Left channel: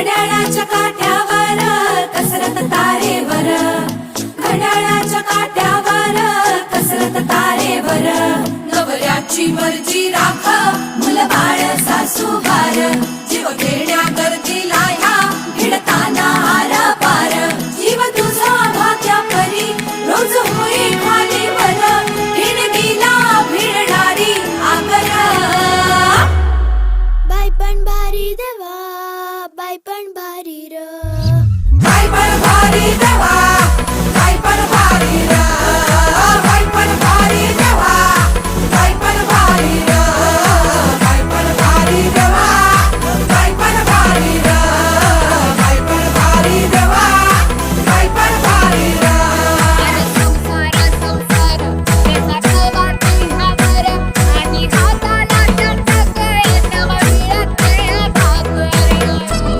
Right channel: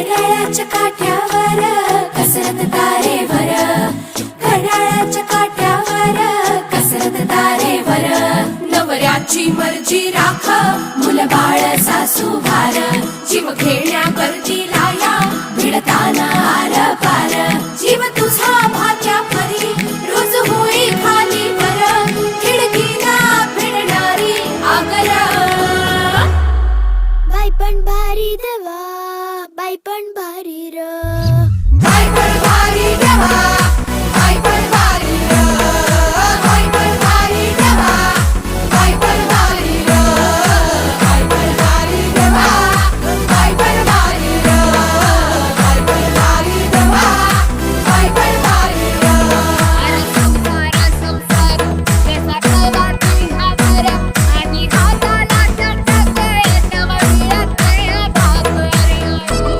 घड्याळाच्या काठ्यावर कसरत तारेवर, घड्याळाच्या काठ्यावर कसरत तारेवर. नवऱ्याची मर्जी राख, मुलबाळ सासू भार, जीव खेळण्या गर्दीला या भिडताना आर पार. जीव तुझा भात्या परी रोज होई खाली वर, भिडकीला भिडणारी आगर. बाई पण भारी देवा, बाई पण भारी र.